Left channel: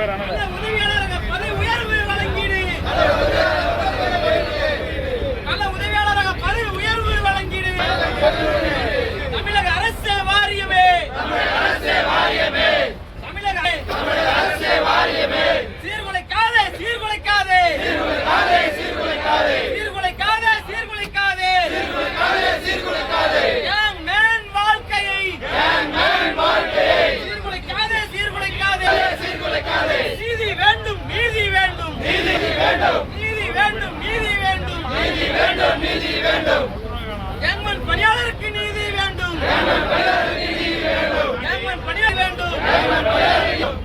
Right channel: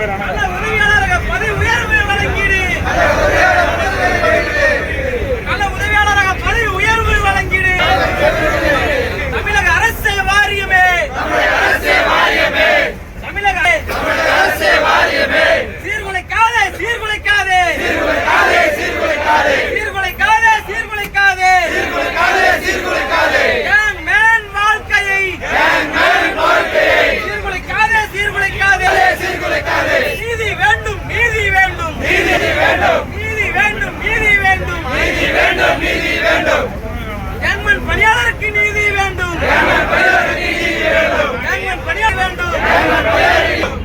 உதவியாளர் பதவி உயர்வு வழங்கீடு, நல்ல உதவியாளராக பதவி உயர்வு வழங்கீடு. தமிழக அரசு வாரியமே, தமிழக அரசு வாரியமே, சீர்குலைக்காதே சீர்குலைக்காதே சீர்குலைக்காதே சீர்குலைக்காதே யங் மேன் வாழ்க்கையை சீர்குலைக்காதே சீர்குலைக்காதே. நீதி வேண்டும் நீதி வேண்டும் நீதி வேண்டும் நீதி வேண்டும் நீதி வேண்டும். யங்மேன் பணியாளருக்கு நீதி வேண்டும், யங்மேன் பணியாளர் வேண்டும்.